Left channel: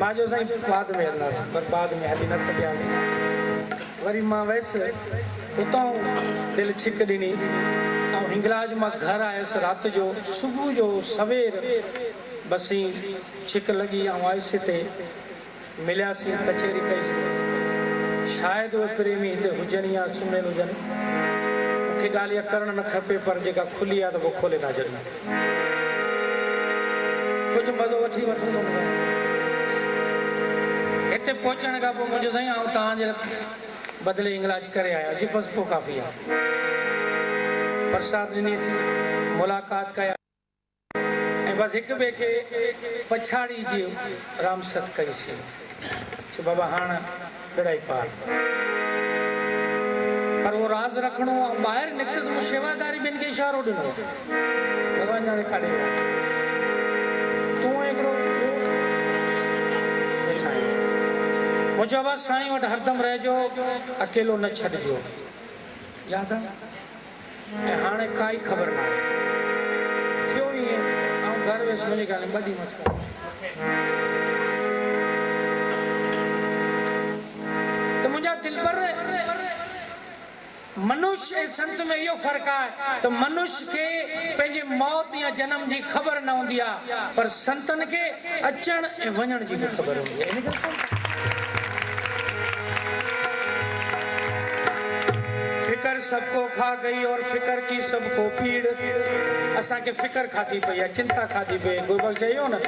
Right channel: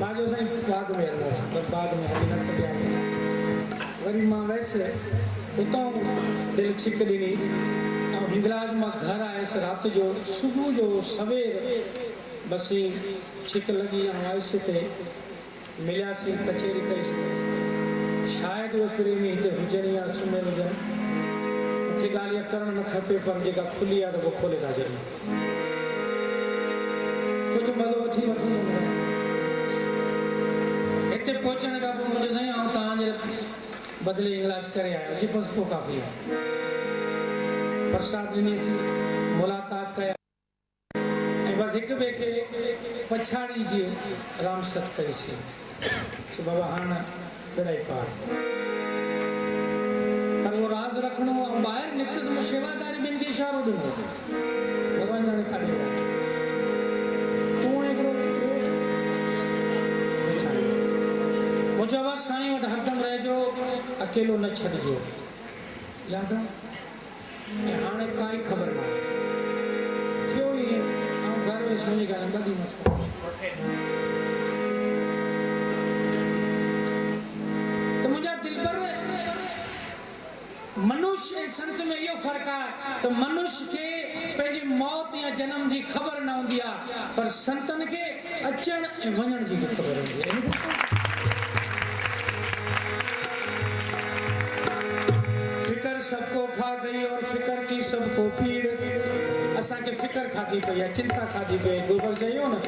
माजो साईं बाद में हलंदास, पर बाद में हली न सघिया। वरी मां वयसि उतां दिलि छिक ॾिनी ऐं हिंगलाज मां घर आयुसि राति जो। सुबुह जो सवेर बसी छिक लॻी ऐं आयुसि हिते मिलियासीं, कचहरी कईसीं। शायदि उहे प्रेमी हिते हुजनि या सुम्हियल हुजनि, मूंखे ॻाल्हि इहा करणु न खपे, पर जेका खुली आहे त पोइ खोले था छॾनि। कुझु मज़ो वठी वठंदो हिते पहुचण खां पोइ मुंहिंजो साईं आउं तव्हांजे बदिले इलाज करे आयो जी, बसि पोइ काफ़ी आहे। प्रसाद ॾिनीसीं, मुलाक़ात कया ऐं बसि हिक ॿिए खे पछाड़ी जी रामसत कईसीं। बाबा हाणे बेड़ाई पार, पर वो राज़ रखणो ऐं ॿाहिरि निकितसि मूं शेवादारी ॿिनि खे इशारो ॾिनो, भॻवान ॼाणे काॾे विया तूं हिकिड़ो मूं चयो बसि साईं वटि हरदम रहिजो, अकेलो न छॾिजो, यादि आहे। ऐं हाणे काई ख़बर न आहे थियो ईअं। ऐं घर वियसि मिली ॻाल्हि ॿ ॾींहं मस्तु। त मुंहिंजा दिलबर, मनुष्य ऐं संत में इहो फ़र्क़ु आहे त मनुष्य खे पंहिंजे मौत या जनम जी ख़बर न हूंदी आहे, पर संतनि खे अचण ऐं वञण जी बि ख़बर हूंदी आहे। फिकर सबको खा गई और फिकर की सबको पीड़। असांखे फिकर खाधी पई आहे, चिंता खाधी पई आहे। गुरुबल चयो न,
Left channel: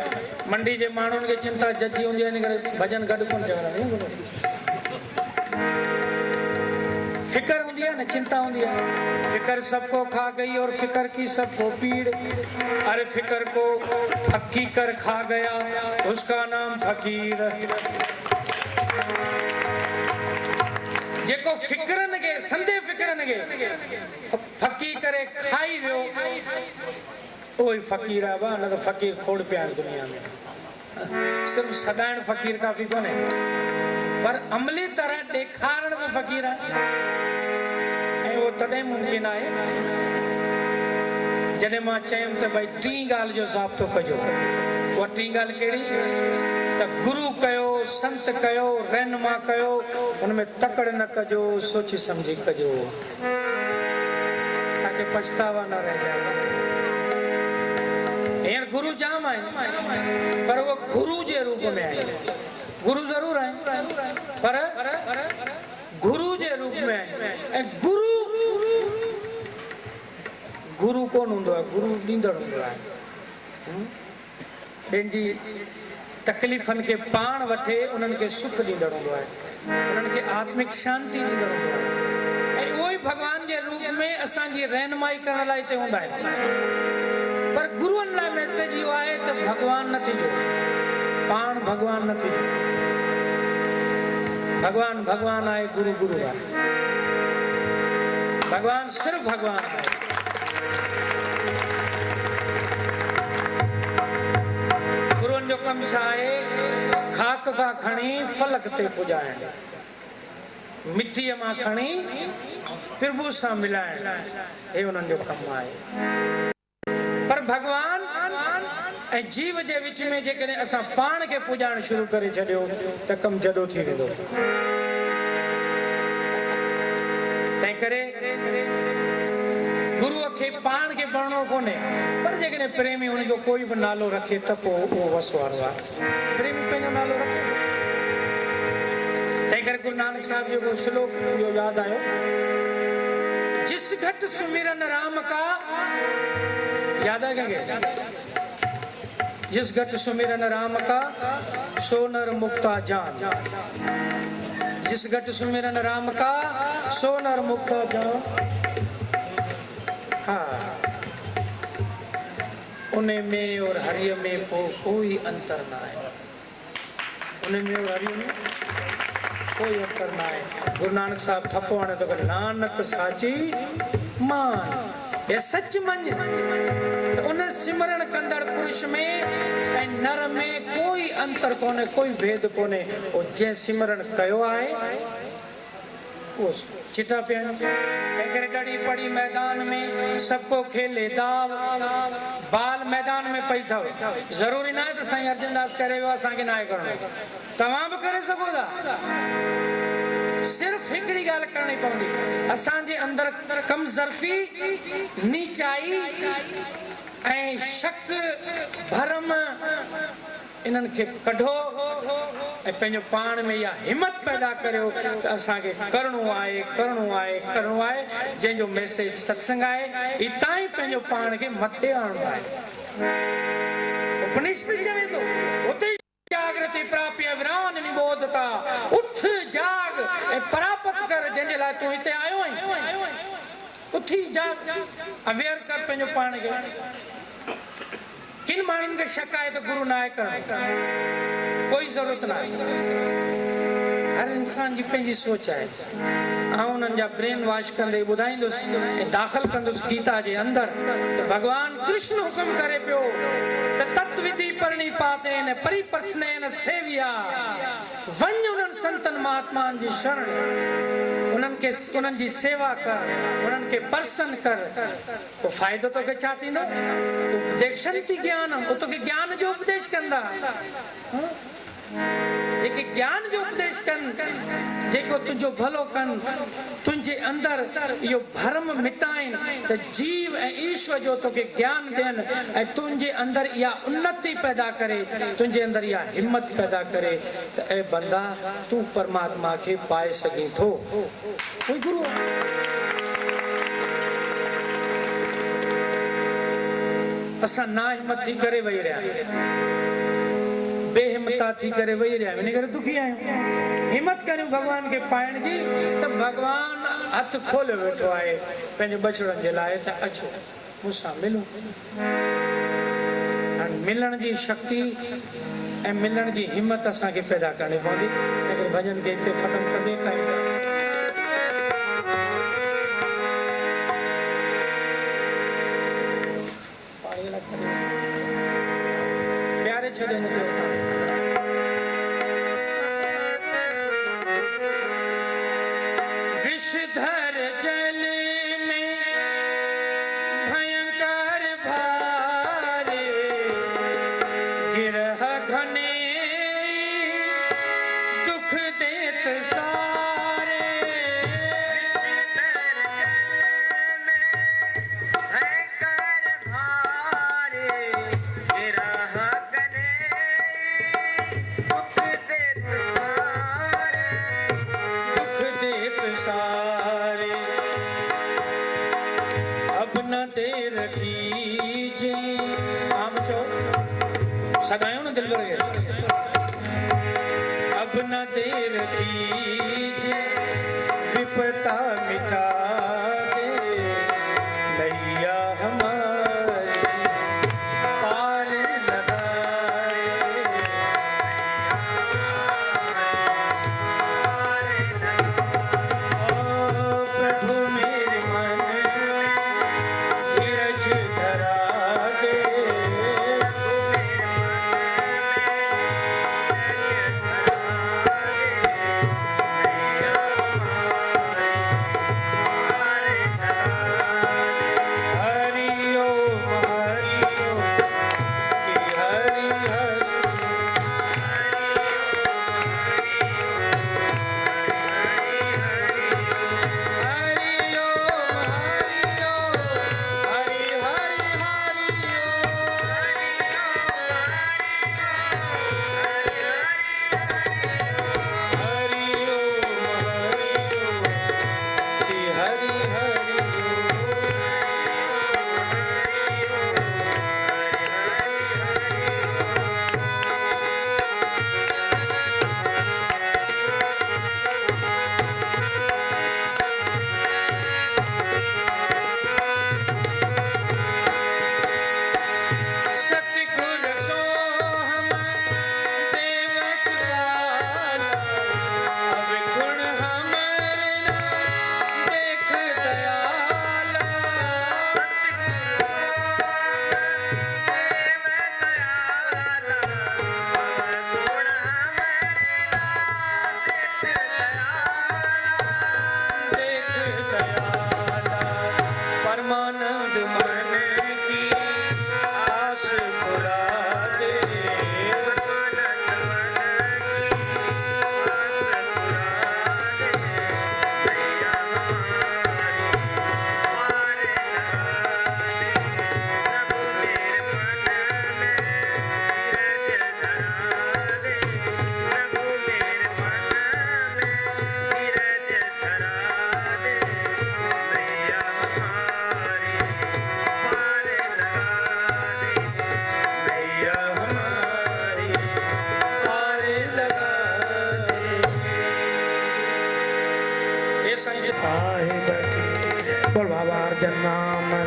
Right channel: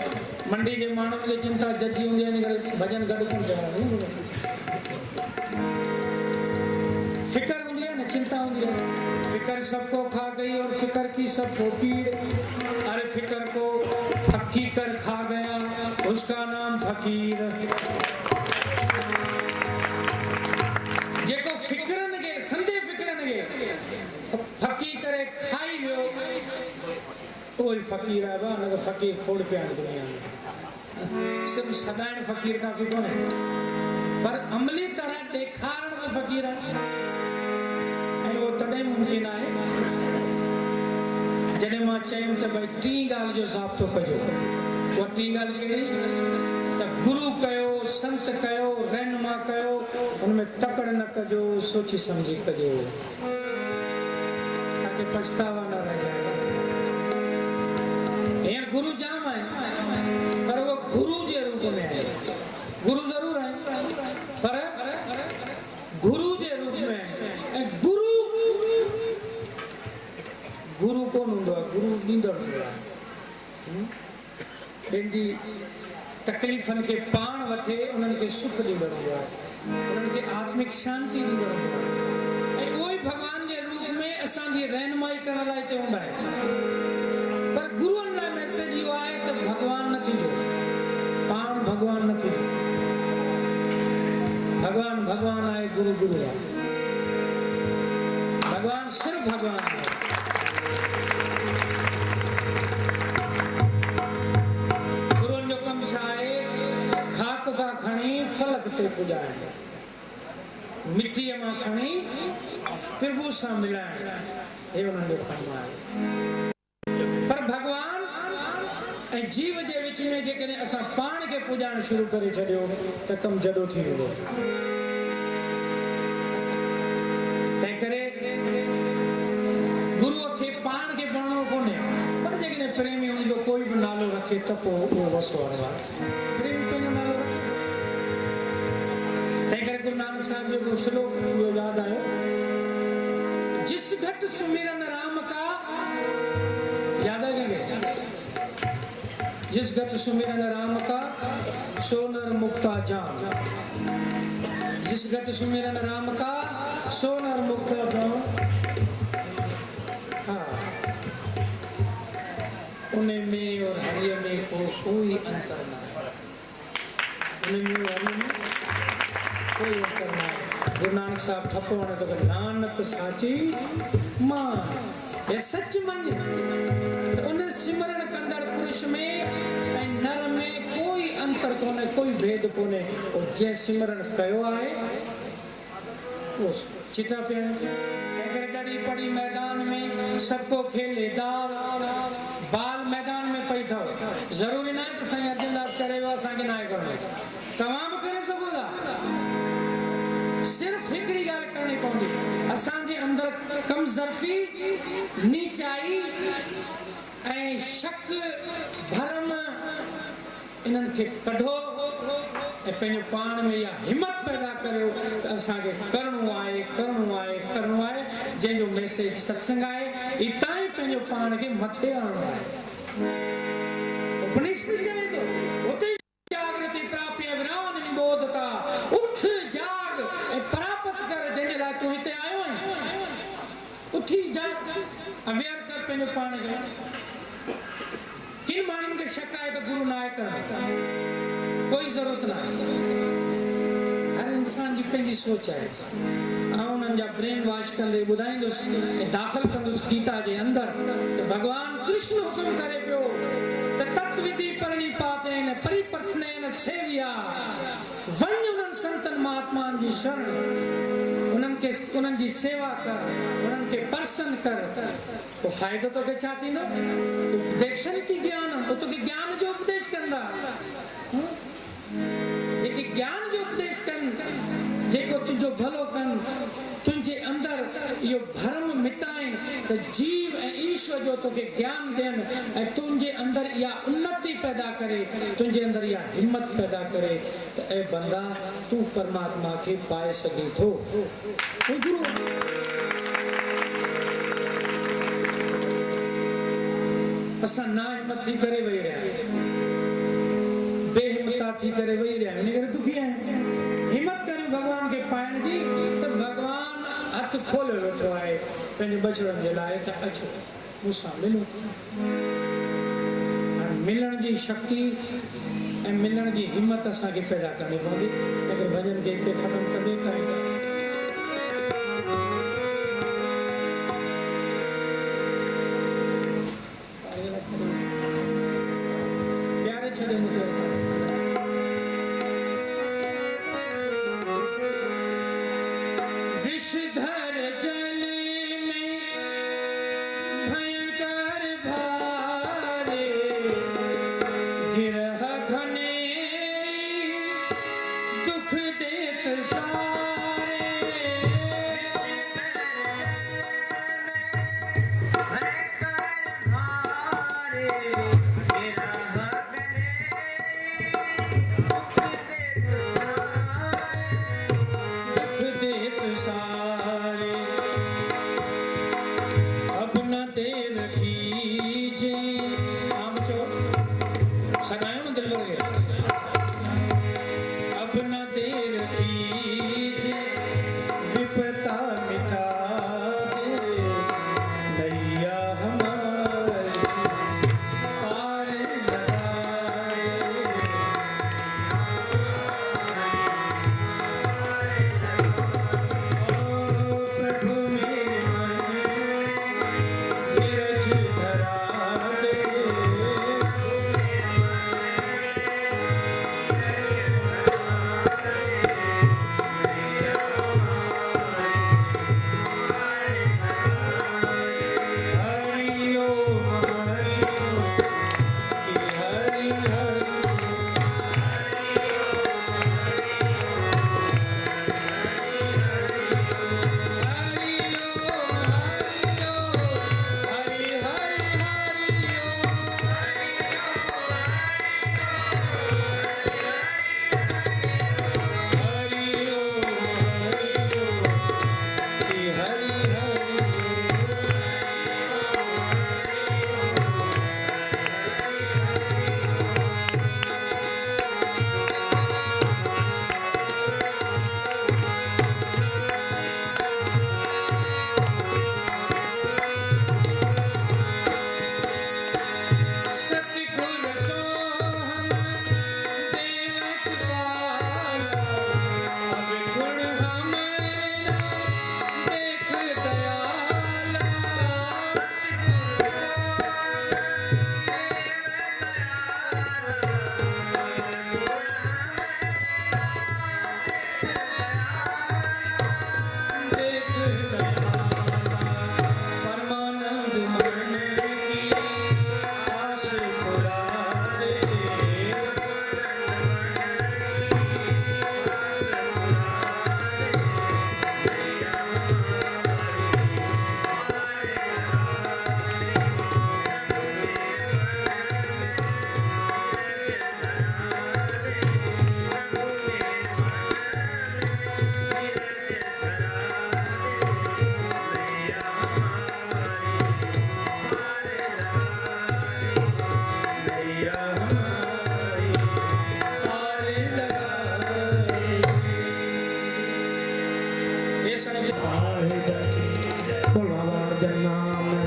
मंडी जे माण्हुनि खे चिंता जजी हूंदी आहे, इन करे भॼन गॾु कोन चवंदा। फिकर हूंदी आहे न, चिंता हूंदी आहे। फिकर सबको खा गई और फिकर की सबको पीड़। अरे फिकर को हकीकर खा गया, उसका नाम फकीर। जेको फिक्रनि खे, संदे फिक्रनि खे फकी करे खाई वियो, उहो ई फ़क़ीर आहे। न त फ़क़ीर खोड़ पिया आहिनि दुनिया में। सिर्फ़ु सॾाइण फ़क़ीर काफ़ी कोन्हे, पर अमली तरह ॾेखारण बि फ़क़ीर आहे। ऐं उहो तॾहिं मुमकिन आहे जॾहिं मां चयुमि त भई टी ॻाल्हि जो ज़ाब्तो कजो। उहा टी ॻाल्हि कहिड़ी? त गुरु कयो, संत कयो, रहनुमा कयो, उनमें तकड़ न कजो, सोची समझी कजो, ताकि पछतावा न रह जाए। हींअर गुरु जाम आहे, पर वो गुरु जे रूप में आहे। गुरु ज़रूर आहे, पर गुरु जे रूप में आहे। ऐं गुरु कोन हूंदो आहे, गुरु ॾींदड़ हूंदो आहे। पंहिंजी तकलीफ़नि खे पाण वठे, उन्हनि खे सुख ॾींदड़ हूंदो आहे, उन्हनि खे आत्मिक शांती ॾींदड़ हूंदो आहे। ऐं उहो ई भॻवान जे रूप में असांजी रहनुमाई करण लाइ हिते हूंदा आहिनि। पर गुरुअनि लाइ मैसेज इहो आहे त भॻवान न थीजो, पाण भॻवान न थीजो। भॻवान भॻवान आहे, गुरु गुरु आहे। भॻवान सिर्फ़ु भॻवान आहे। गुरुअनि जो कमु छा आहे? खाक खां खणी फलक ते पुॼाइण, मिटीअ मां खणी प्रभु सां मिलाइण, हे उन्हनि जो कमु आहे। पर भॻवान ऐं जीव जे विच में जेकॾहिं असां पाण खे पुॼाइण शुरू करे छॾियो त कमु जॾो थी वेंदो। तंहिं करे गुरूअ खे पाण खे पढ़णो कोन्हे, पर जेकॾहिं प्रेमी हुनजो कोई बि नालो रखे त पोइ उहो वस वारो आहे। प्रेमी पंहिंजो नालो रखे। तंहिं करे गुरु नानक साहिब जो हिकिड़ो श्लोक इहो यादि आयो, जिस घट सुमिरन राम का, यादि आहे कंहिंखे? जिस घट सुमिरन राम का सो नर मुक्ता जान। जिस घट सुमिरन राम का सो नर मुक्ता जान। हाँ, उन्हें में और हरिय में कोई अंतर ना है। उन्हें में और हरिय में कोई अंतर ना है। गुरु नानक साहब ठप्पो आने तो नानक साची मान, ये सच मंझ तो उन्हें सिमरण कंदड़ पुरुष में ऐं नर में कोई अंतर कोने, कोई भेद कोने। और जंहिं सिमरण कयो आहे चिता पिया डड़ी पड़ी मैदान में सबको खेले दाव बाल मैदान में पई थो जरूरी ना है तो साईं अर्जनदास करे असांखे ना करणो तव्हां भी करे सघो था सिर्फ हिकिड़ी ॻाल्हि करणी पवंदी असांजे अंदर कमज़रफ़ी नीचाई ऐं शक भरम इन्हनि खे कढो ऐं पंहिंजो पाण में इहा हिम्मत पैदा करियो त असांखे करिणो आहे जंहिंजो मैसेज सत्संग आहे हितां ई पंहिंजो पाण खे मथे आणणो आहे उपनिषद चवे थो उते जागृति प्राप्य विरान निबोधता उठ जाग ऐं परापत कर जंहिंजे लाइ तूं हिते आयो आहीं उथी जाग अवेयर कर पंहिंजो पाण खे किन माण्हुनि खे शक आहे त गुरु न आहे करणु कोई ज़रूरत न आहे हर इंसान जी पंहिंजी सोच आहे ऐं उन्हनि जा ब्रेन वॉश कंदे ॿुधाईंदुसि ऐं दाख़िल कंदुसि गीता जे अंदरि त भॻवानु कृष्ण हुकुम करे पियो त तत्विधि परिणिपातेन परिप्रश्नेन सेविया वञ उन्हनि संतनि महात्माउनि जी शरण उन्हनि जी सेवा कर उन्हनि खे पर्सन कर पोइ फ़ाइदो तोखे छा थींदो उपदेशन्ति ज्ञानम तोखे ज्ञान जो उपदेश कंदा जेके ज्ञान जो उपदेश कनि जेको तुंहिंजो भलो कनि तुंहिंजे अंदरि इहो भरम मिटाइनि त जीव ऐं ईश्वर जो तोखे ज्ञान ॾियनि ऐं तुंहिंजे अंदरि इहा उन्नति पैदा करे तुंहिंजे अंदरि इहा हिम्मत पैदा करे त ऐं बंदा तूं परमात्मा खे पाए सघीं थो गुरु असां ना हिम्मत थी करे वेही रहिया बेहिम्मता थी करे वेही रहिया इन करे दुखी आहियूं हिम्मत करियूं भॻवान खे पाइण जी त भॻवानु हथ खोलियो वेठो आहे पंहिंजे बछड़नि जे लाइ त अचो मूंसां मिलो मिलण जी शक्ति ऐं मिलण जी हिम्मत असांखे पैदा करणी पवंदी अगरि भॼन खे हिते ख़तमु कंदे टाइम प्यारे छॾे विषधर जल में भयंकर भारे गिरह घने दुख देत सारे विषधर जल में भयंकर भारे गिरह घने दुख देत सारे अब न देर कीजे आम चो सगायो न दिल लगे अब न देर कीजे विपता मिटा दे नैया हमारी पार लगाए प्रभु मेरे मन धीरज धरा दे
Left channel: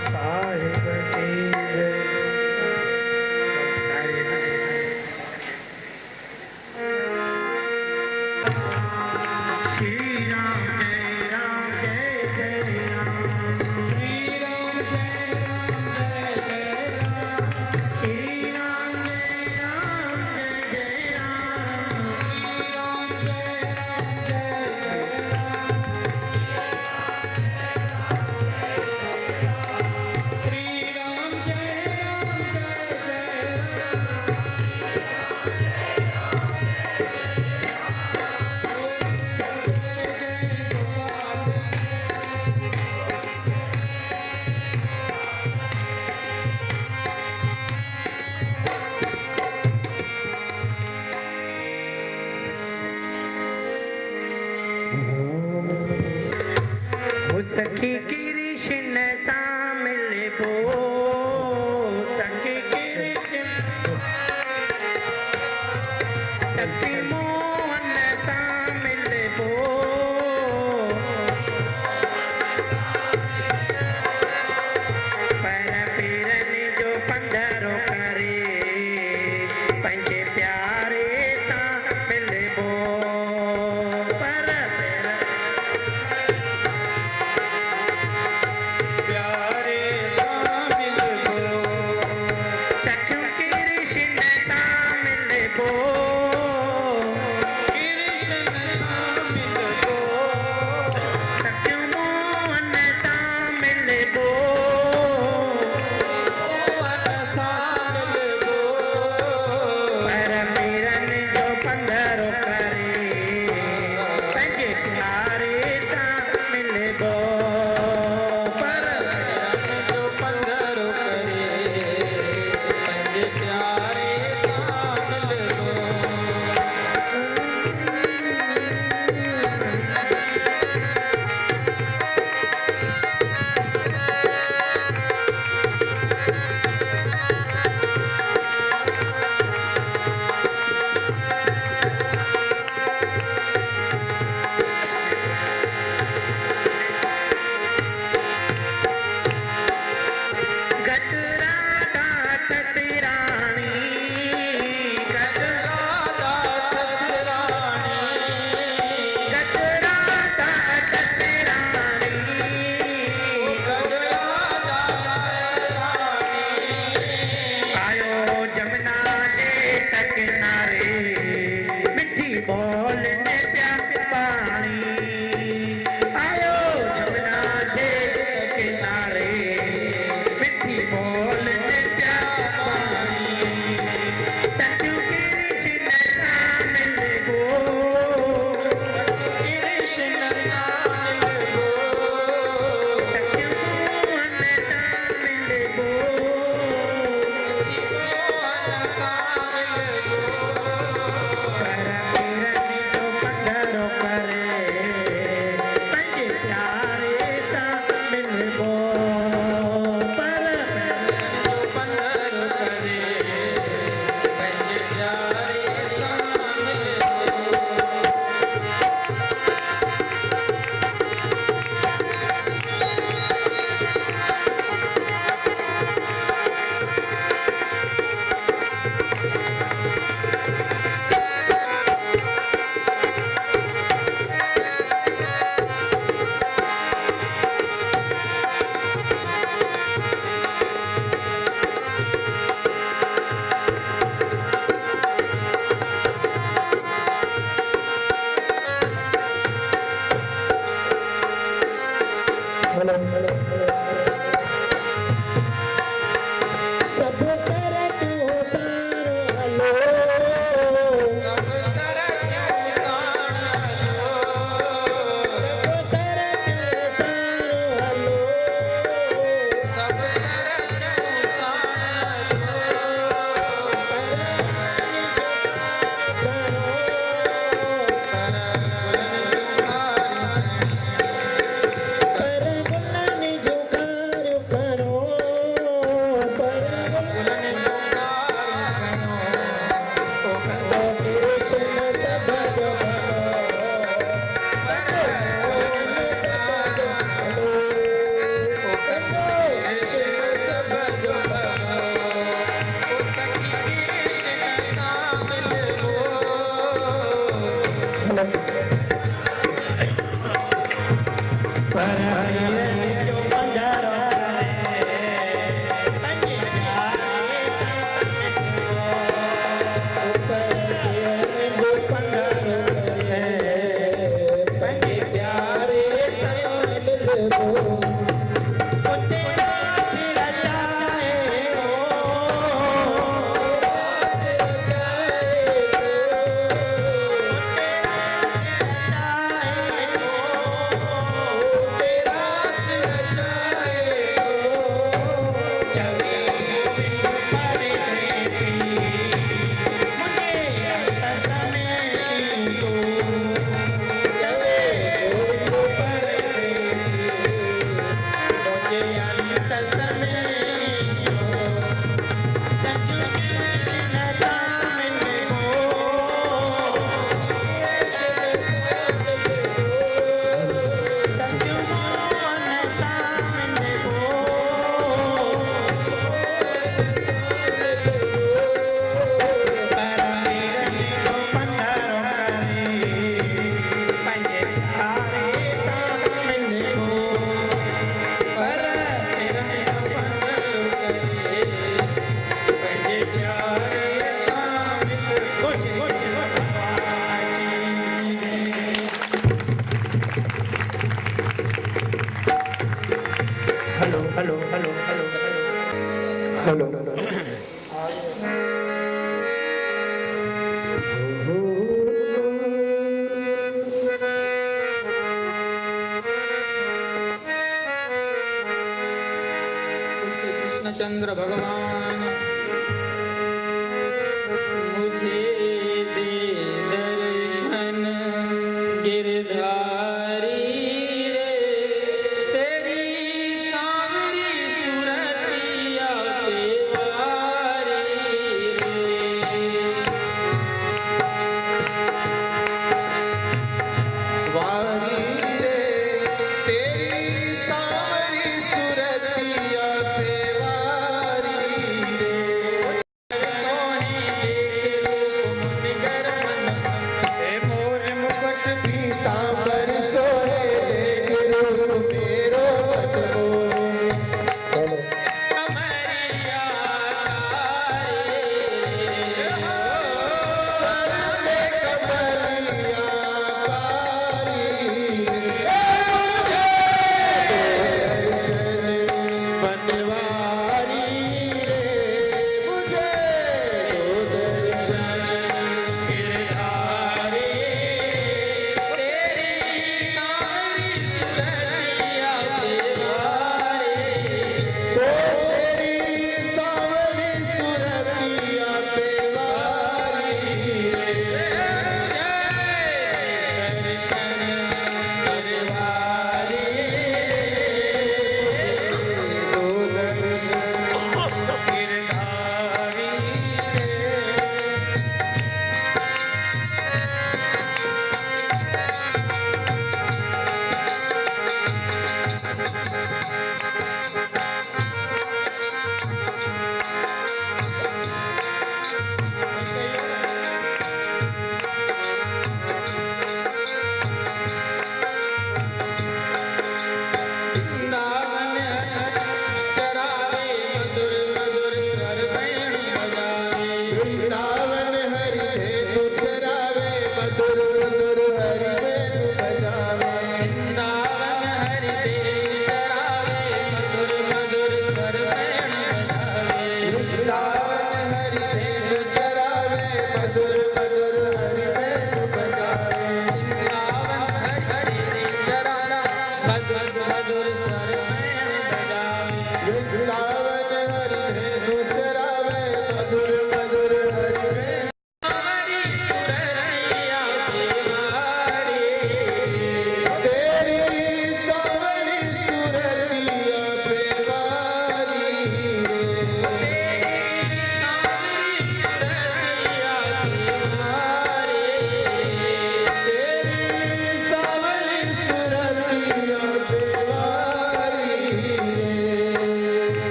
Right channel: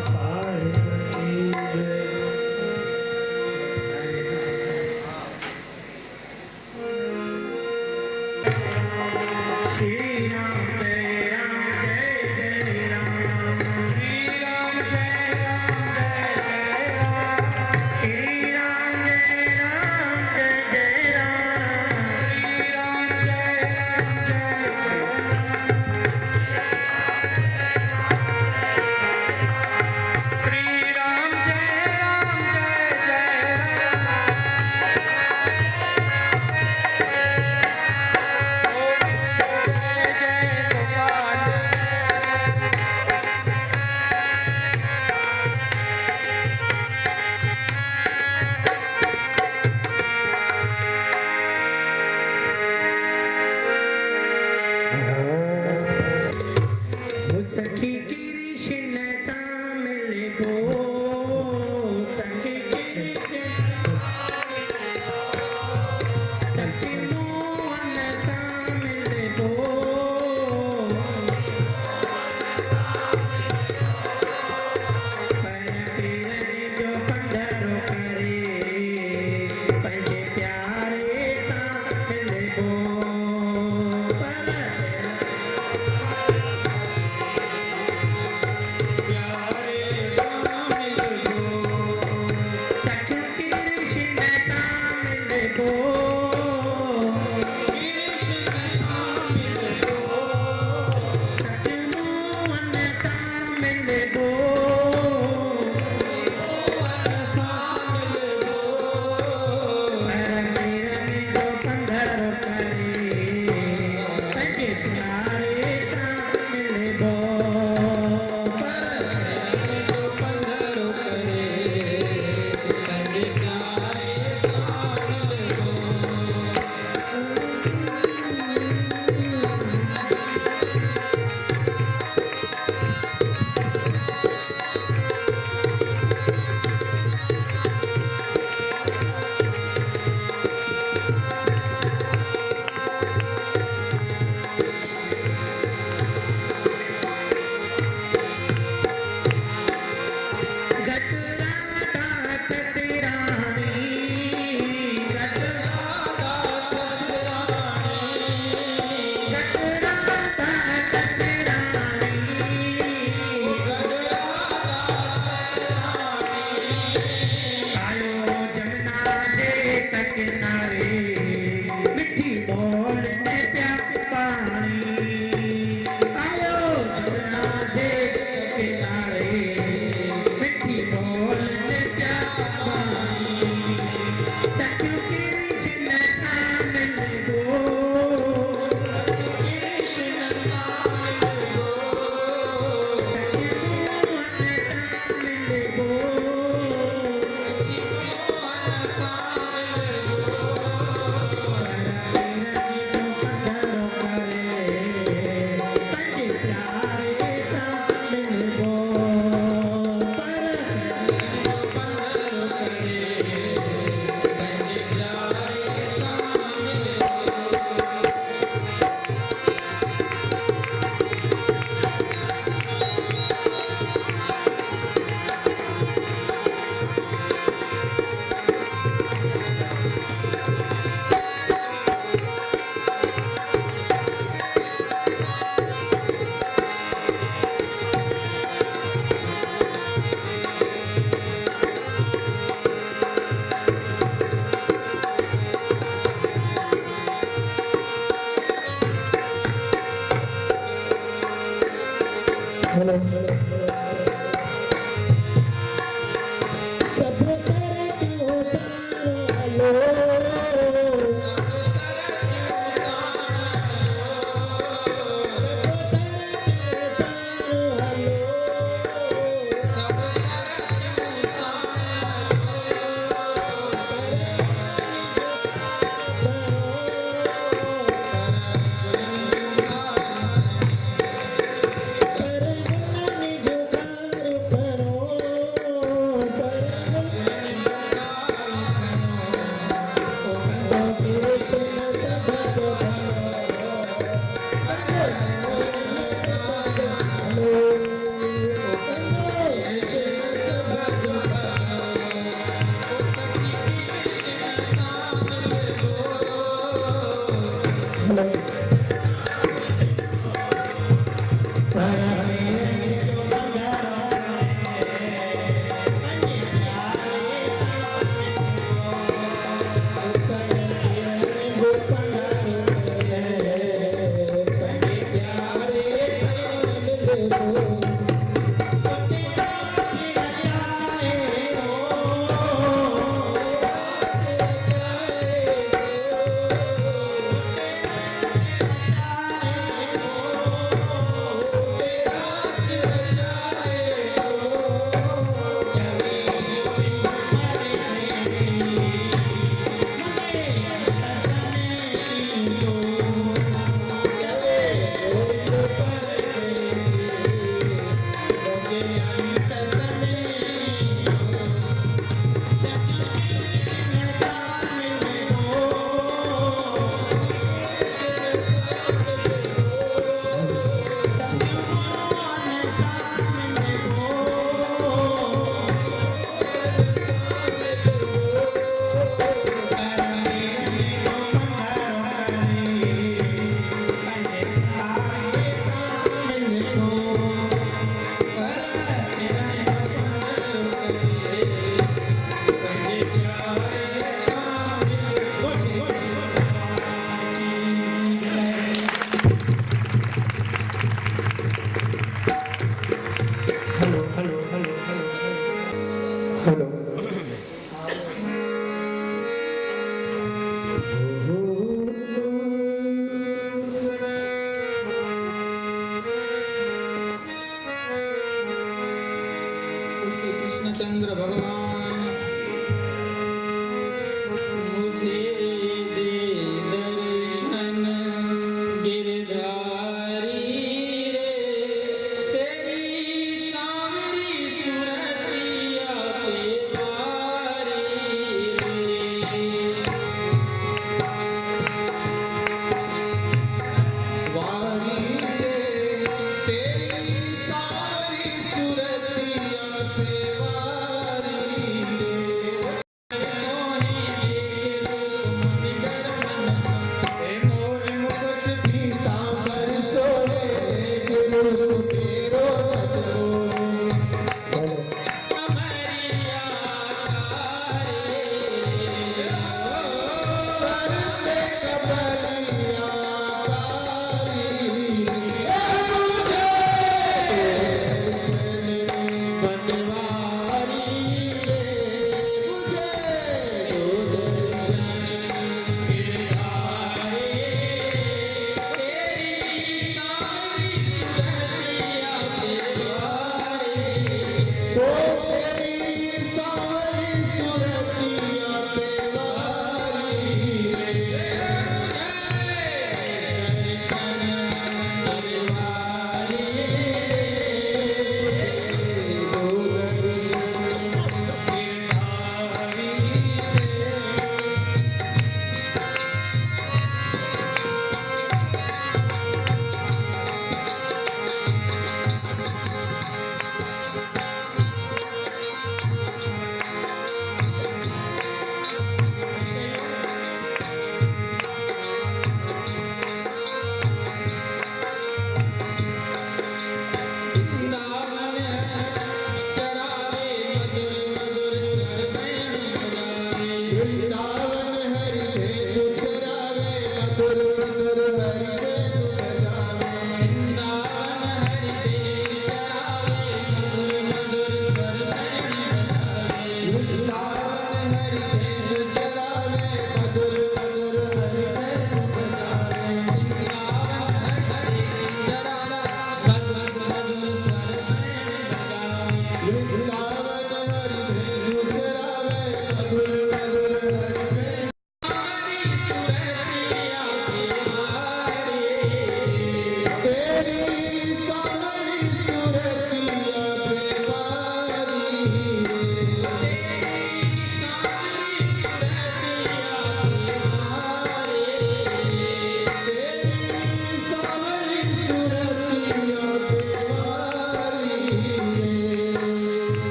साहिब की जय। श्री राम जय राम जय जय राम। श्री राम जय राम जय जय राम। श्री राम जय राम जय जय राम। श्री राम जय राम जय जय राम। श्री राम जय राम जय जय सखी कृष्ण शामिल बो। सखी कृष्ण सखी मोहन शामिल बो। पर पीरन जो पंधरो करे पंजे प्यारे शामिल बो। पर प्यारे शामिल बो। सखियों कृष्ण शामिल बो। कृष्ण शामिल बो। सखियों मोहन शामिल बो। मोहन शामिल बो। पर पीरन जो पंधरो करे पंजे प्यारे शामिल बो। पर पीरन जो पंधरो करे पंजे प्यारे शामिल बो। गजरा दात सिरानी। गजरा दात सिरानी। गजरा दात सिरानी। गजरा दात सिरानी। आयो जमुना जे किनारे मिठी बोल ने प्यार पानी। आयो जमुना जे किनारे मिठी बोल ने प्यार पानी। सखियों कृष्ण शामिल बो। कृष्ण शामिल बो। सखियों मोहन शामिल बो। सखी मोहन शामिल बो। भगवान मुझे दे दर्शन गिरधारी रे तेरी सांवरी सुरतिया पे वारी वारी रे तेरी सारी सुरतिया पे वारी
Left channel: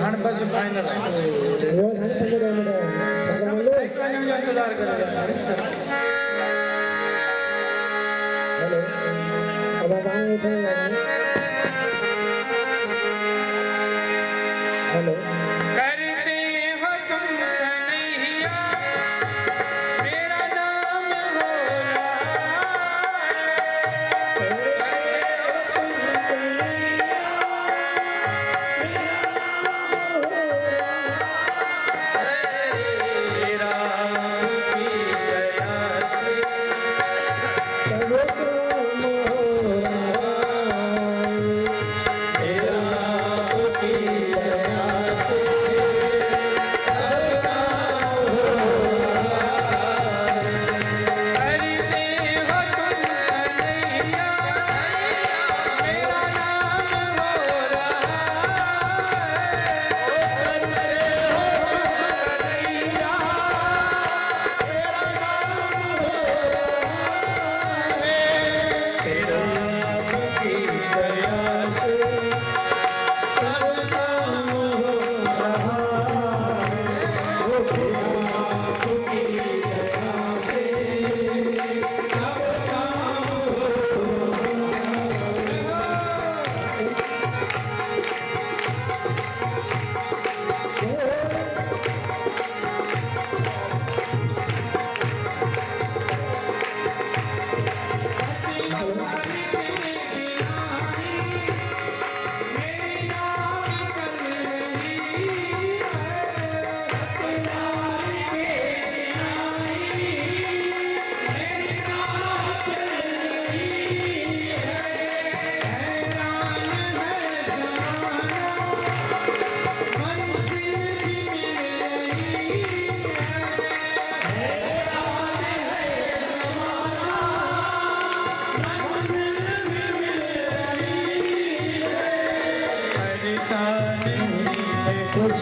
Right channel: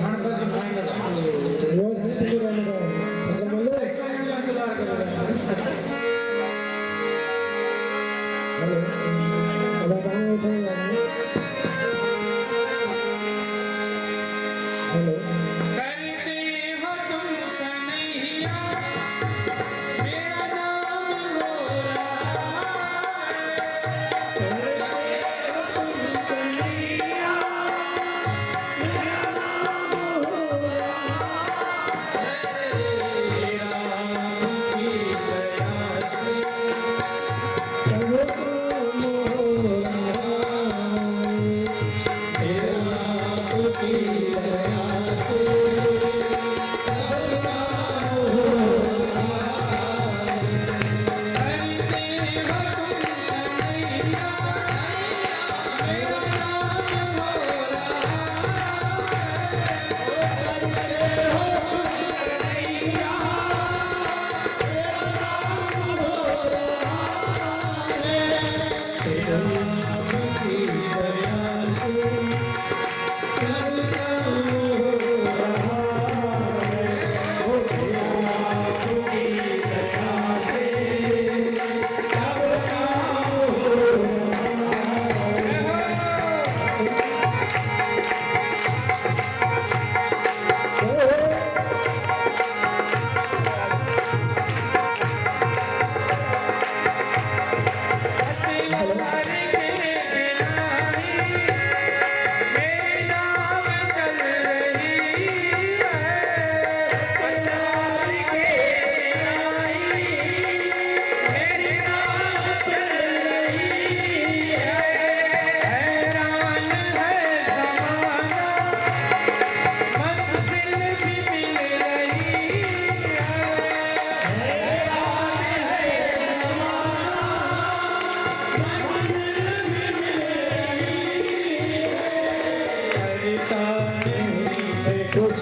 हाणे बस फाइनल सब साइड वञण जो इंतज़ार करे करते हो तुम कन्हैया मेरा नाम हो मेरा की दया से करते हो तुम कन्हैया मेरा नाम हो तेरा की दया से सब काम हो मेरे नाम चल रही हैरान है ज़माना मंजिल भी मिल रही करता नहीं है कुछ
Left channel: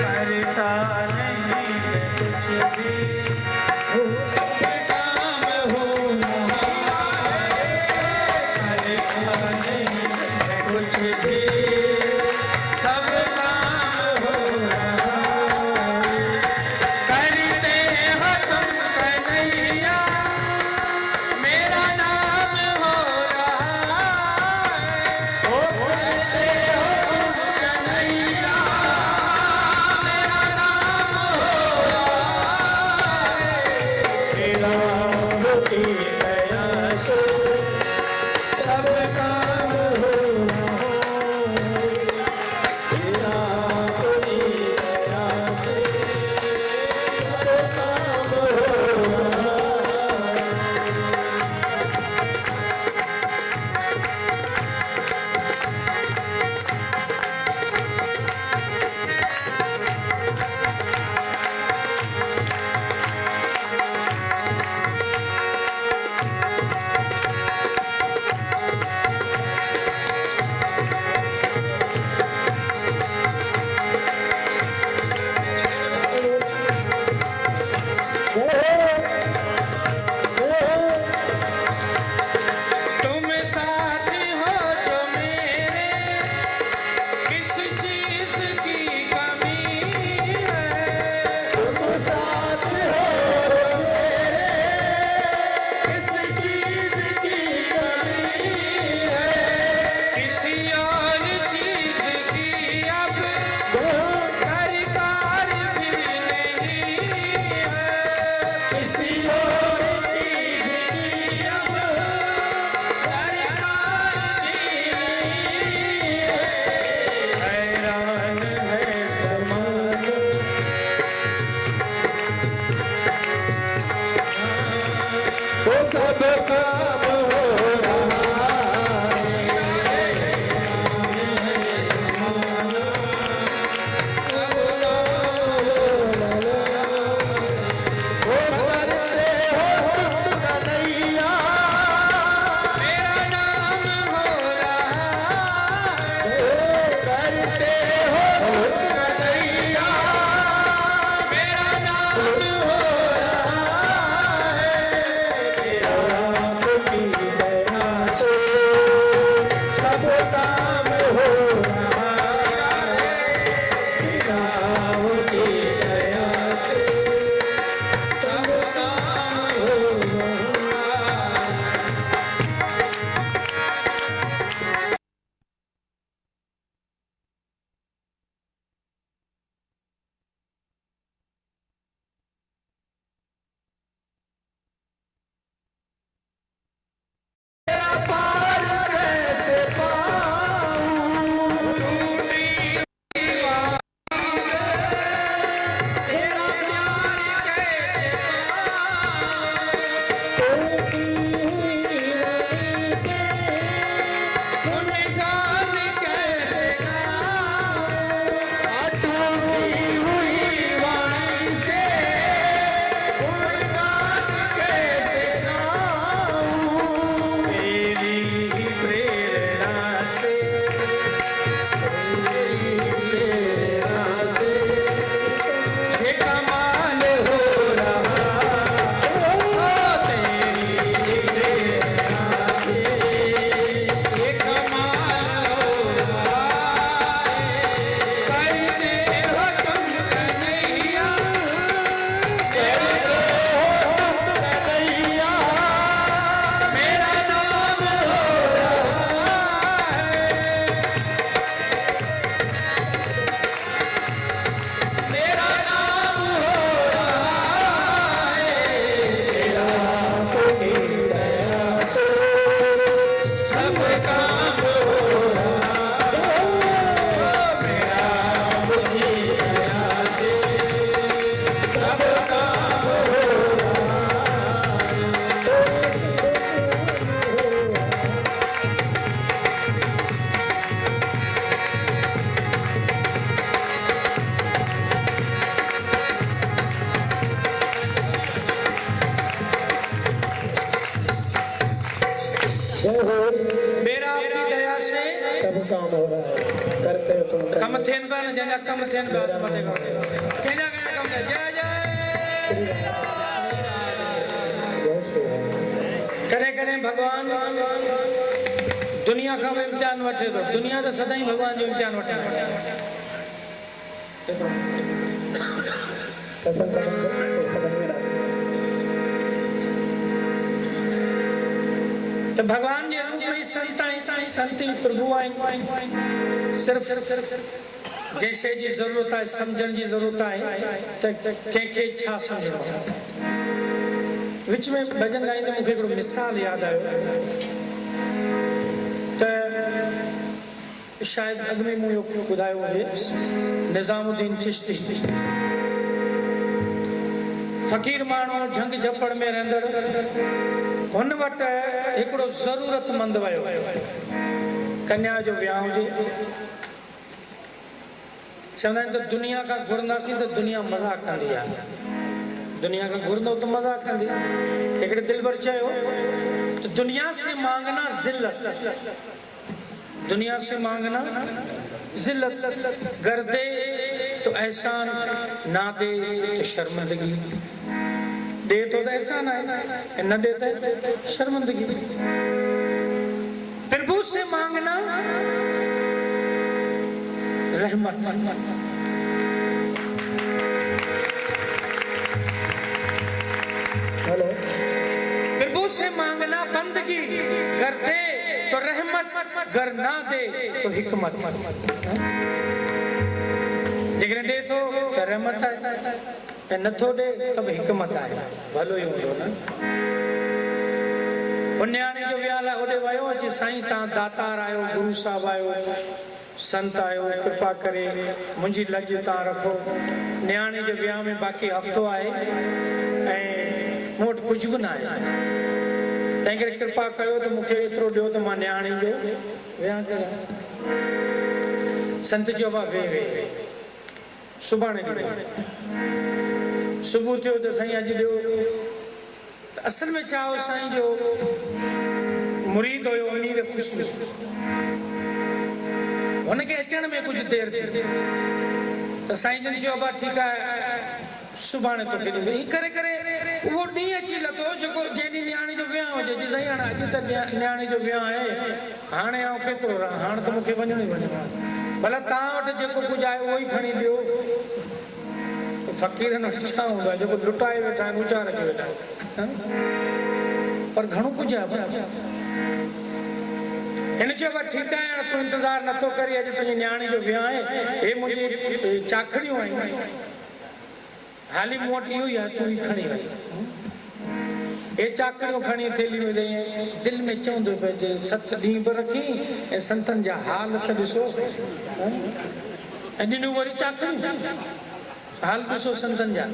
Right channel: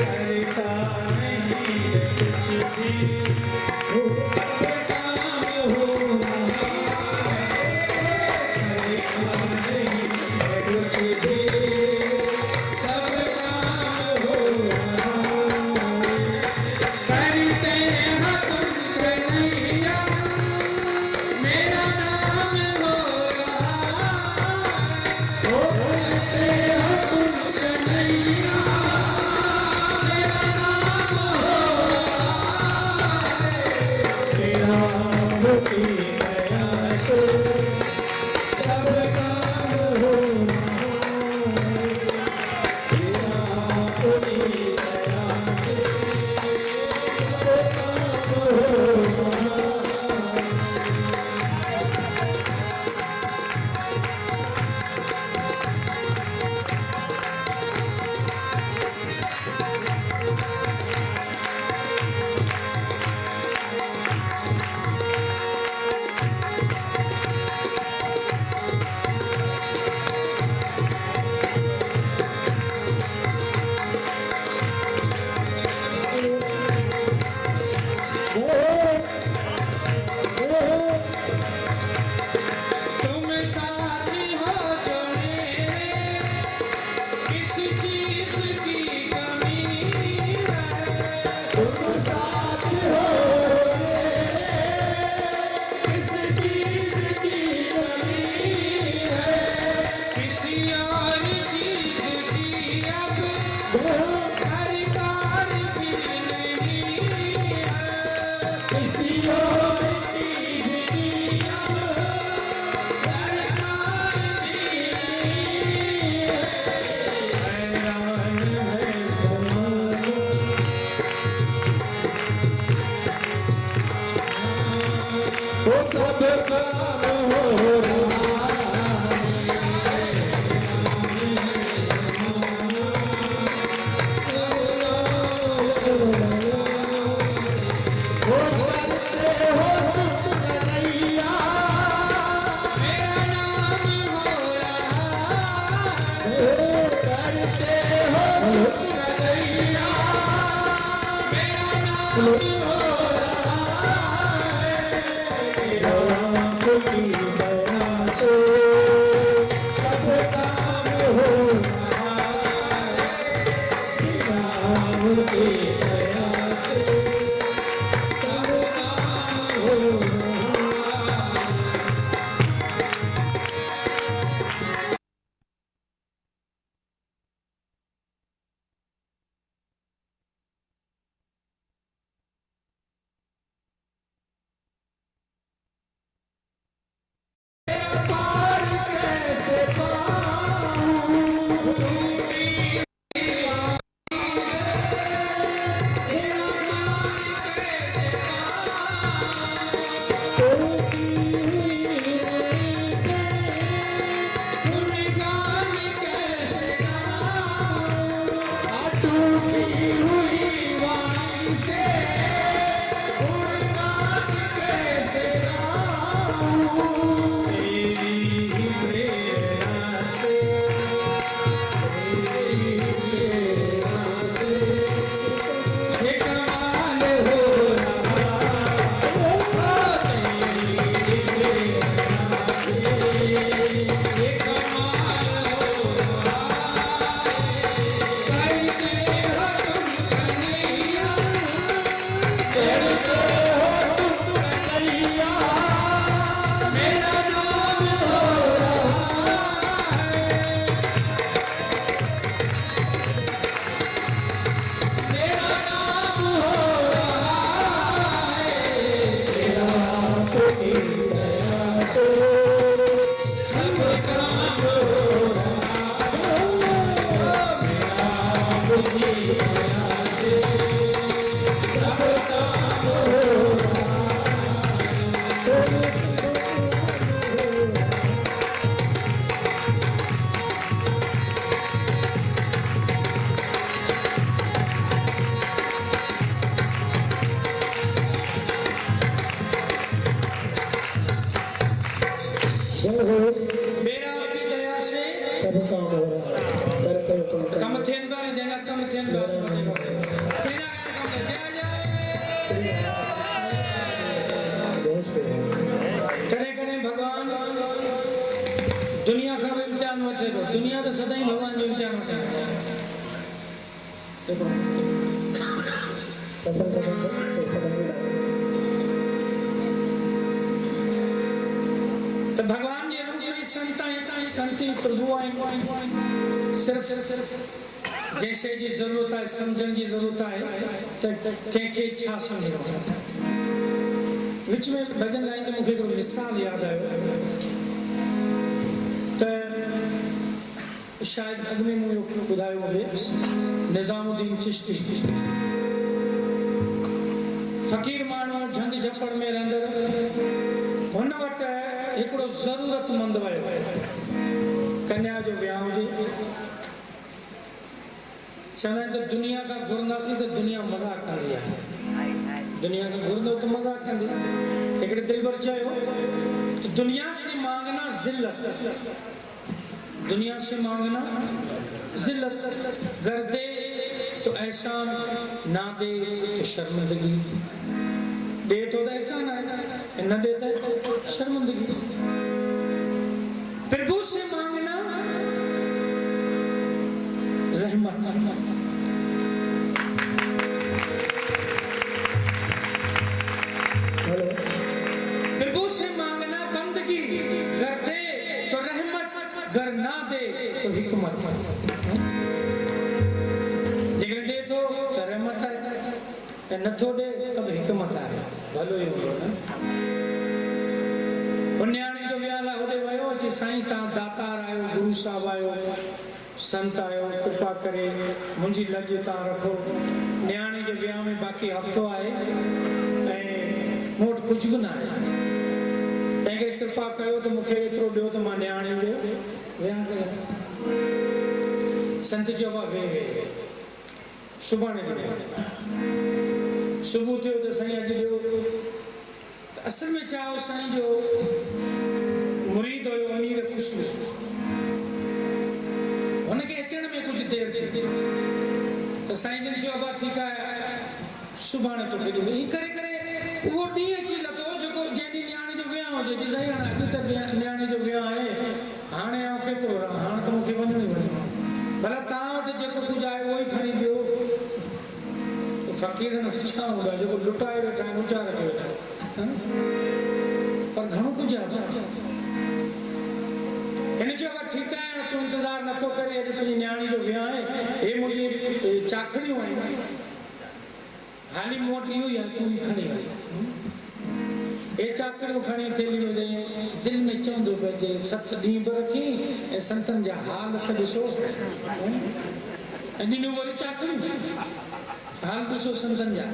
करता नहीं है कुछ भी काम हो करता नहीं है कुछ भी सब काम हो करते हो तुम कन्हैया मेरा नाम हो सब काम हो तुम साथी हो जो मेरे किस चीज की कमी है किसी और चीज की अब दरकार भी नहीं हैरान है ज़माना सब काम हो मेरा नाम हो मेरा नाम हो सब काम हो रहा है, करते हो तुम कम थियन बार जंगा कम थियन बार मते को तेजा कम जय जय करे करे भगवान दुनिया का इम्तिहान वठे तो दुनिया तो सदाई भगवान जो इम्तिहान वठे सत्संग का समझ में तो भगवान जे रूप में संती प्रभु आइन सिर्फ जैसे जी जरूरत है समझण जी जरूरत है तो के छा समझो विच में भजन गाइंदे मुखे एक मिसाल याद आयो तो शायद अगमे मुझे बुधायो है निजामुद्दीन चिश्ती फकीर मानो झंग झपड़ में रहंदड़ हुन वट एकड़ो जरूरतमंद वयो कन्या जो ब्याह हुजे चवंदा तो दुनिया का घुरंदासीं तो दुनिया मजाक कंदी है दुनिया का घुरंदो तो मजाक कंदी एकड़े दिलबर चयो तो दुनिया से मांगना जिल्लत दुनिया से मांगना जिल्लत कर दे तो एहसान ना दे तो शर्मिंदगी दे तो एहसान है न देता है शर्मिंदगी प्रभु से मांगना रहमत हेलो प्रभु से मांगना बंदगी कर दे तो रहमत कर ना दे तो हिकमत जेकर दे तो रहमत है न थो दे तब हिकमत है भलो ही हो ना पुण्याणी जो व्याला होडे वयो जे साईं ता दातार आयो गुरु साहब आयो संत आयो कृपा करे मुंजी लज ता रखो न्याणे जो व्याह में बाकी हफ्तो आए ए मोट कुछ भी ना है तंहिं कृपा कयो तो मुखे एतिरो ॾियो त मां न्याणी जो व्याह कयां संत जो बा वे सुभाणे ॾियो सुबुह थियो त साईं अॼु ॾियो असल में छा हो साईं जो मुरीद हुयो उन्हीं खे ख़ुशबू हुनखे अचण में कुछ देर थी तो साईं जन चयो बा ठीकु आहे सुभाणे तोखे ॾींदुमि हीअं करे करे उहो ॾींहुं अची लथो जेको जंहिं ॾींहुं न्याणी जो वियांह हुजे जी साईं हाणे अॼु त न्याणी जो वियांह आहे हाणे आउं केतिरो रहां हाणे त मूंखे वञिणो ई वञिणो आहे भला तव्हां वटि जेको कुझु आहे उहो ई खणी ॾियो फ़क़ीरनि वटि छा हूंदो आहे जेको लुटाए वेठा आहिनि ऊचा रखी वेठा आहिनि पर घणो कुझु आहे हिन चयो बा ठीकु आहे तूं इंतज़ारु नथो करी अॼु तुंहिंजी न्याणी जो वियांह आहे हे मुंहिंजी चाखड़ियूं आहिनि हाली मूं वटि इहो ई आहे तूं ई खणी वञ हे चाखड़ियूं खणी थेली में ॾेई दिलि में चवंदो पिए सत ॾींहं बि रखी ऐं संतनि जा हाल त ॾिसो ऐं ॾिनियूं वरी चाखड़ियूं हाल ॾिसो संतनि जा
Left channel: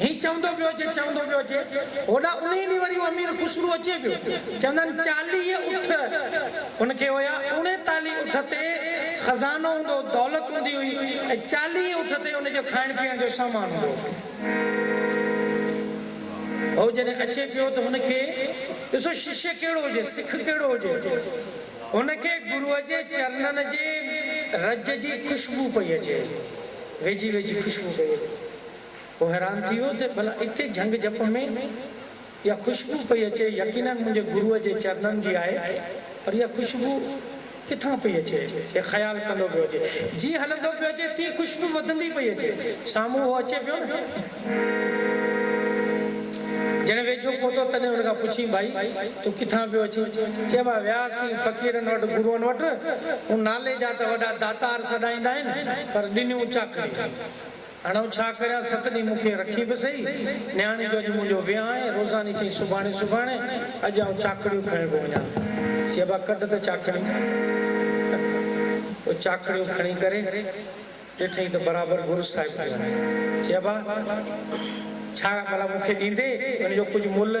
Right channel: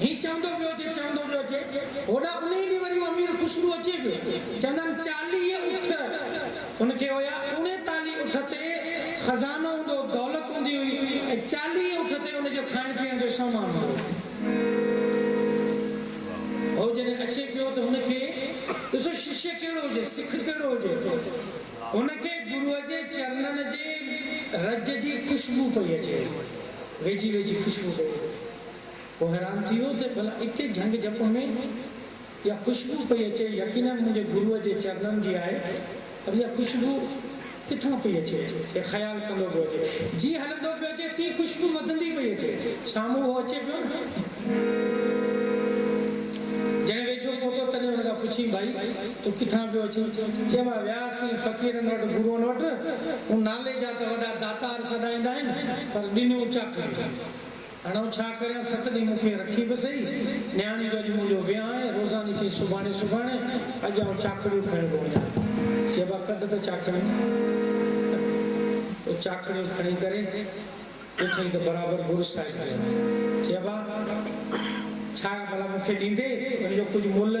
ही चवंदो पियो अचे होॾा उन ई ॾींहुं वरी अमीर ख़ुशबू अचे पियो चवंदा आहिनि 40 उठ हुनखे हुया 39 उठ ते खज़ानो हूंदो दौलत हूंदी हुई ऐं 40 उठ ते हुनजो खाइण पीअण जो सामान हूंदो हो जॾहिं अचे पियो त हुनखे ॾिसो शिष्य कहिड़ो हुजे सिख कहिड़ो हुजे हुनखे गुरूअ जे चरणनि जे रज जी ख़ुशबू पई अचे वेझी ख़ुशबू पई अचे वो हैरान थी हो तो भला इतने झंग झप में या खुशबू पई अचे यकीनन मुझे गुरुअ जे चरणन जी आहे पर या खुशबू किथां पई अचे ये ख्याल कंदो पियो अचे जी हलंदो पियो अचे ती खुशबू वधंदी पई अचे साम्हूं हो अचे पियो जने वेझो पहुतो तने उनका पुछी भाई तू किथां पियो अचे चइबा वियासीं फ़क़ीरनि वटि गुरुअनि वटि उन नाले जा त वॾा दातार सॾाईंदा आहिनि पर ॾिनियूं चाखड़ियूं हाणे छा करियां 7 ॾींहं मूंखे रखी बि सही न्याणी जो अॼु मुंहिंजो वियांह आहे रोज़ानी चई सुभाणे अॼु आउं चाखड़ियूं खणी थो वञा चइबा कढ त चाखड़ियूं खणी करे ॾिठई त बराबरि गुरु साहिब चइबा छा भला मूंखे ॾींदे हुनजो कुझु मुल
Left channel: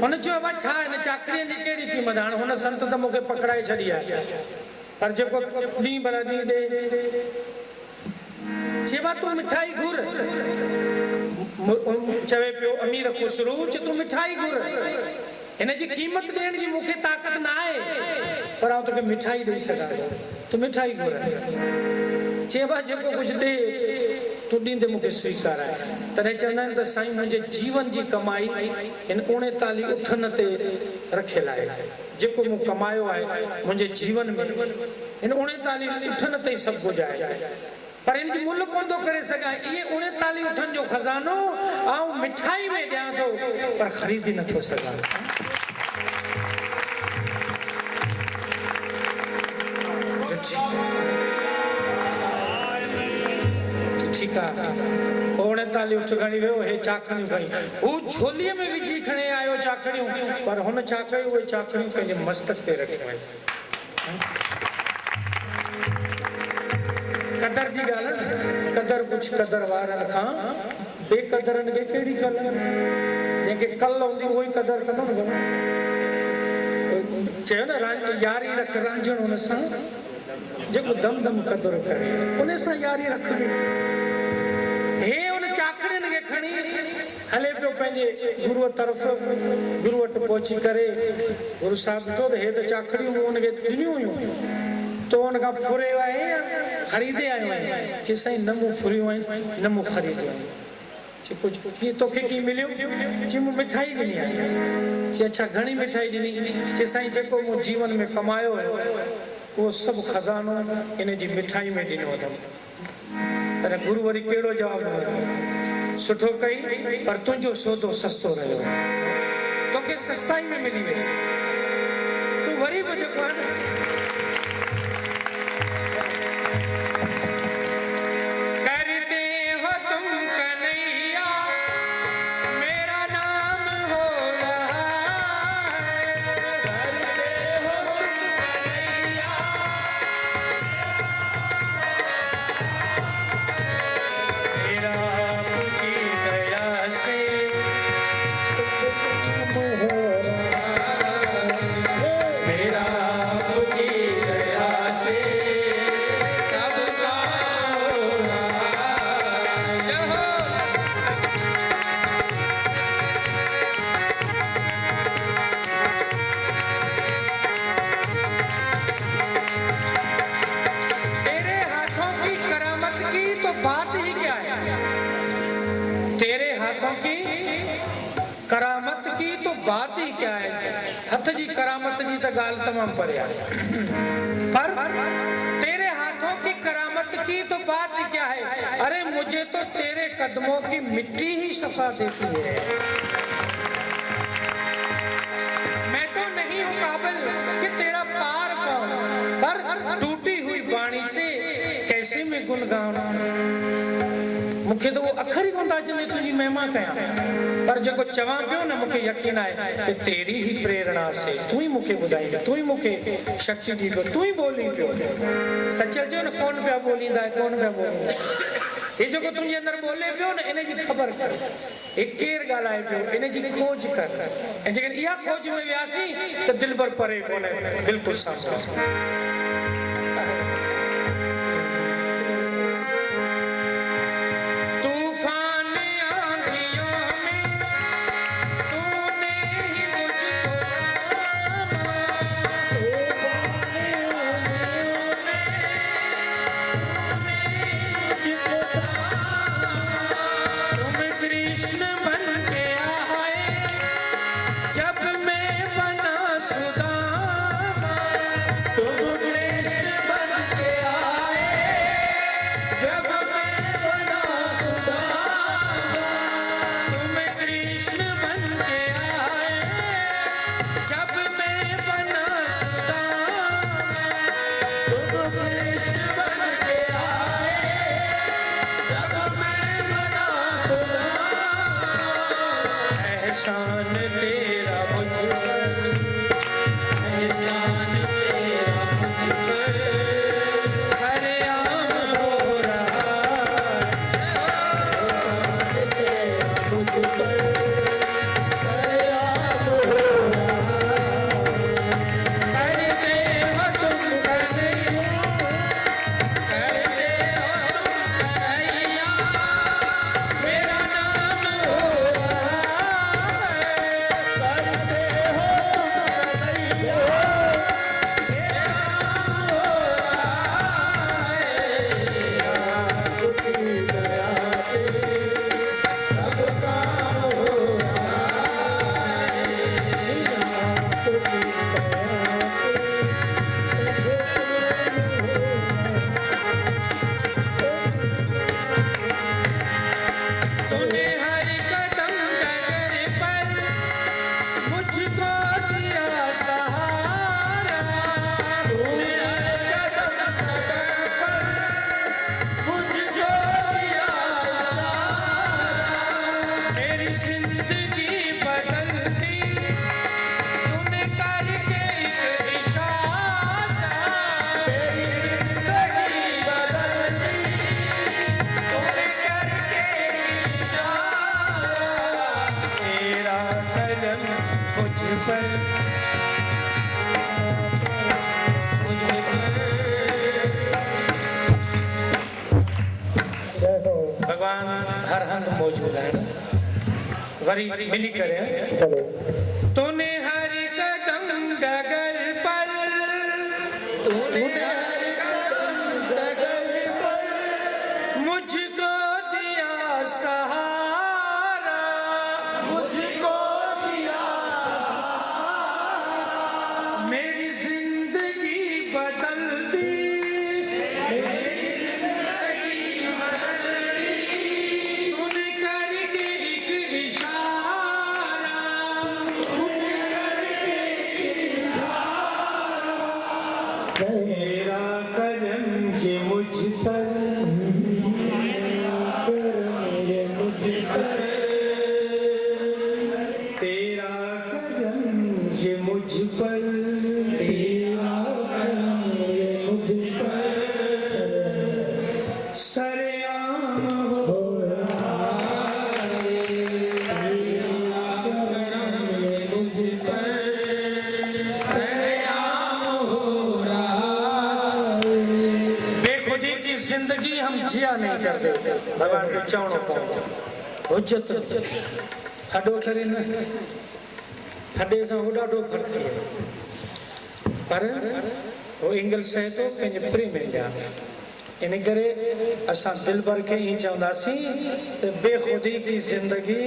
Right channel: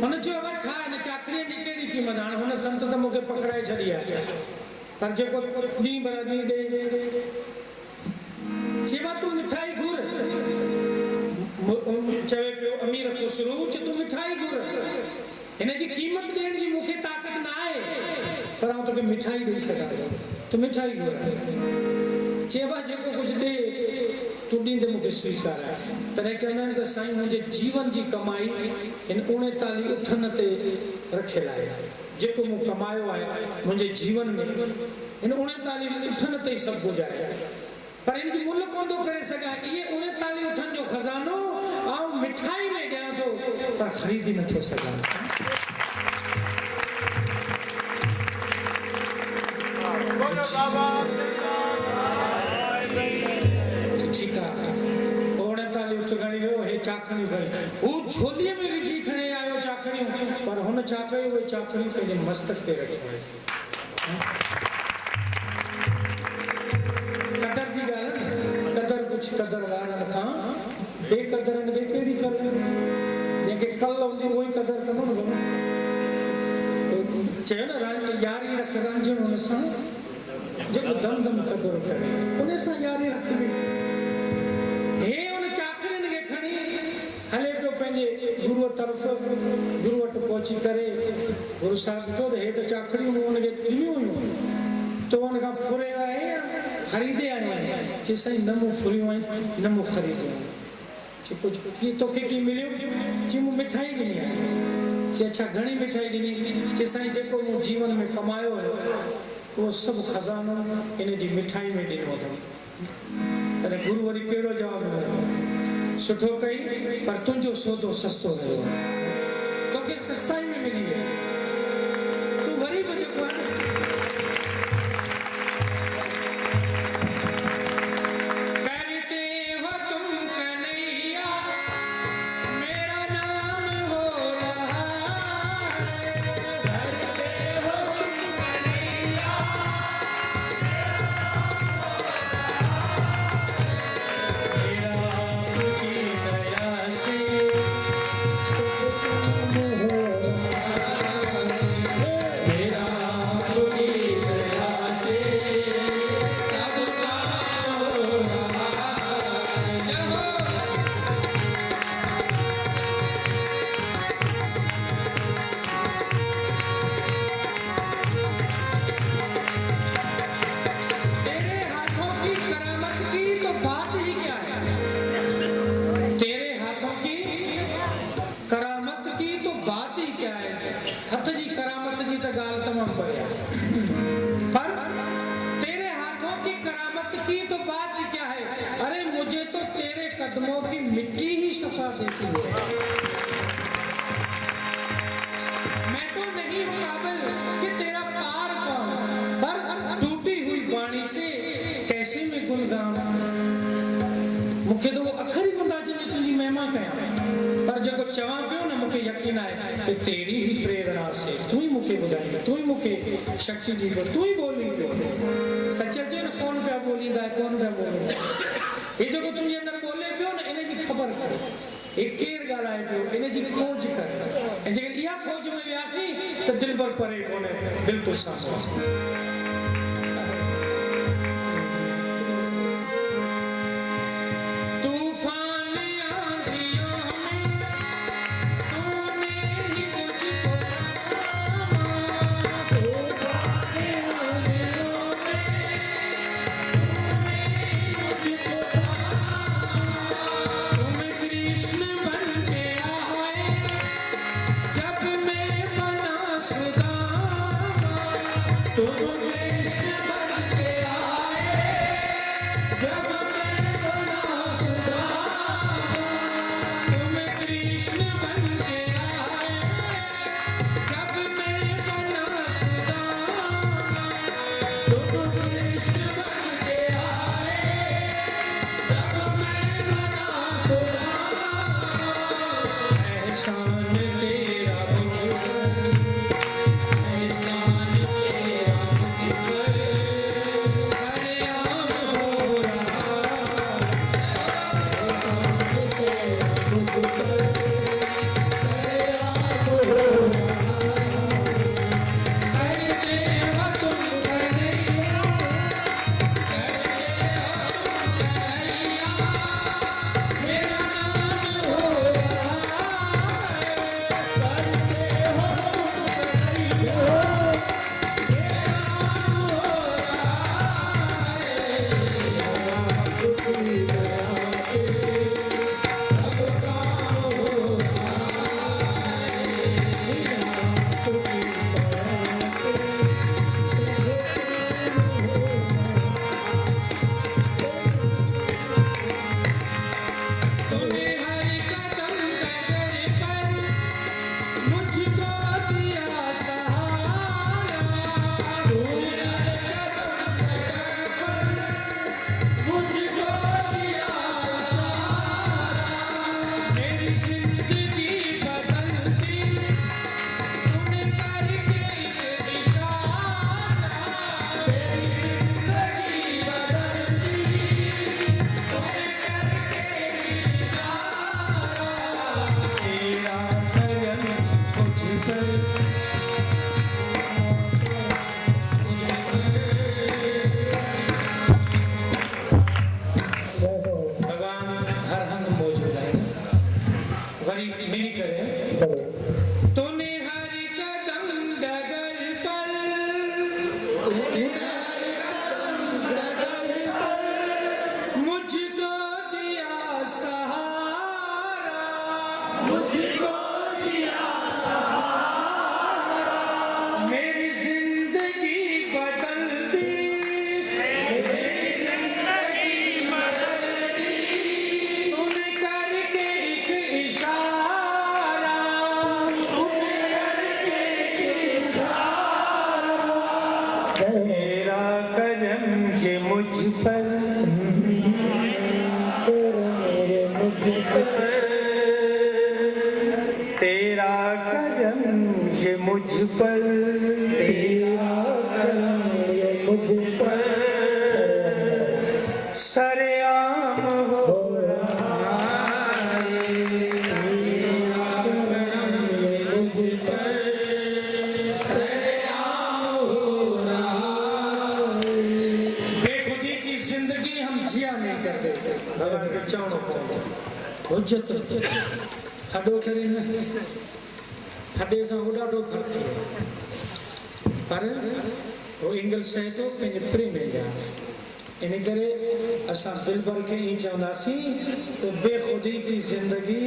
हुन चयो बा छा हिन चाखड़ीअ जी कहिड़ी क़ीमत हाणे हुन संत त मूंखे पकड़ाए छॾी आहे पर जेको ॾींहुं भला ॾींहुं ॾे चेबा तू मिठाई घुर चवे पियो अमीर खुसरू तू मिठाई घुर हिन जी क़ीमत ॾियण जी मूंखे ताक़त न आहे पर आउं तोखे मिठाई ॾेई सघां थो, तूं मिठाई घुराए। चइबा जेको कुझु ॾे तूं ॾींदे मूंखे स्वीकार आहे। तॾहिं चवंदा आहिनि त साईं मुंहिंजे जीवन जी कमाई हिन 39 उठनि ते रखियल आहे। जेको मूं कमायो आहे मुंहिंजे जीवन में हिन 39 उठनि ते ई सभु कुझु आहे, पर हिन जी मुल्ह कोन थो करे सघां। इहे 39 उठनि जो खज़ानो आउं मिठाई में ॾियां थो, पर ख़रीदी नथो सघां। ठीकु आहे, 39 उठ खणी वियो, हे चाखड़ियूं खणी, हू झोलीअ में विझी खणी आयो चाखड़ियूं, पर हुन छा कयो, उहे चाखड़ियूं पंहिंजे मस्तक ते रखियूं आहिनि। कदर जी ॻाल्हि आहे, कदर कुझु कदर वारनि खां बेक़दरनि खे कहिड़ी कदर, जंहिंखे कल हूंदी उहो ई कदर कंदो न। चयो न यारी रख रांझण हुन सां, जेको दम दम कदर करे उन सां यारी रखबी। हे उन चाखड़ियुनि खे खणी हले पियो पंहिंजे गुरूअ तरफ़। गुरू वटि पहुची करे गुरू साहिबु ॾिठो त हे त चाखड़ियूं हुनखे ॾिनियूं हुयूं, तो हुनखां फुरे आयो या ख़रीदे आयो आहियां। चई साईं न मूं फुरियूं आहिनि, न मूं ख़रीदियूं आहिनि। चई कुझु कीअं तोखे कीअं मिलियो? चई मूं मिठाई ॾिनी आहे। चई अच्छा घणी मिठाई ॾिनी? चई साईं जेको मूं जीवन में कमायो हुयो उहो सभु खज़ानो इन जी मिठाई में ॾिनो अथमि। तॾहिं गुरू वरी कहिड़ो जवाबु ॾिनो? सुठो कई, पर तुंहिंजो सौदो सस्तो रहियो, तोखे सस्ताई में मिली वई। तूं वरी बि जेको आहे हथ जी करामत जी तो गाल तमाम परे है, पर तेरे हाथों की करामत की तो बात ही क्या है। अरे मुझे तो तेरे कदमों की मिट्टी ही सफा देती है। मैं तो नहीं हूँ काबिल कि तेरा पार पाऊं, पर टूटी हुई बाणी से कैसे मैं गुण गाऊं। मुखे तो वो अखर ही कोन था अचनि तुंहिंजी महिमा कयां, पर जेको चवां पियो न मूंखे यकीन आहे कि तेरी ही प्रेरणा से तू ही मूंखे ॿुधाईंदो, तू ही मूंखे शक्ति ॾींदो, तू ही ॿोली पियो। सच चओ न कोन पिया ॿोलींदा, कोन पिया ॿोलींदा। हे जेको तुंहिंजे अंदरि ॿोले पियो न, इन जी ख़बर कर, हे केरु ॻाल्हाए पियो, इन जी खोज कर। ऐं जेकॾहिं इहा खोज में वियासीं त दिलि भर परे कोन्हे, बिल्कुलु साफ़। तुम वरी मिली करे चलो तूने हर कदम डगर पर तूने हर कदम डगर पर मुझको दिया सहारा मुझको दिया सहारा मेरी जिंदगी बदल दी मेरी जिंदगी बदल दी तूने करके एक इशारा तूने करके एक इशारा तेरा करम ये मुझ पर मेरे मुझ पर तेरा करम ये मुझ पर तेरा करम ये मुझ पर सरेआम हो हो रहा है तेरा करम ये मुझ पर बेखुदी की जिंदगी हम जिया नहीं करते भगवान को चावनो हुज्जत हडो करे न हडे सां उॾाॾो फ़र्क़ु आहे पर वो इंगल सहे थो पंहिंजे प्रेम जा इन करे असां दिलबर खे ई चवंदासीं त बेखुदी की ज़िंदगी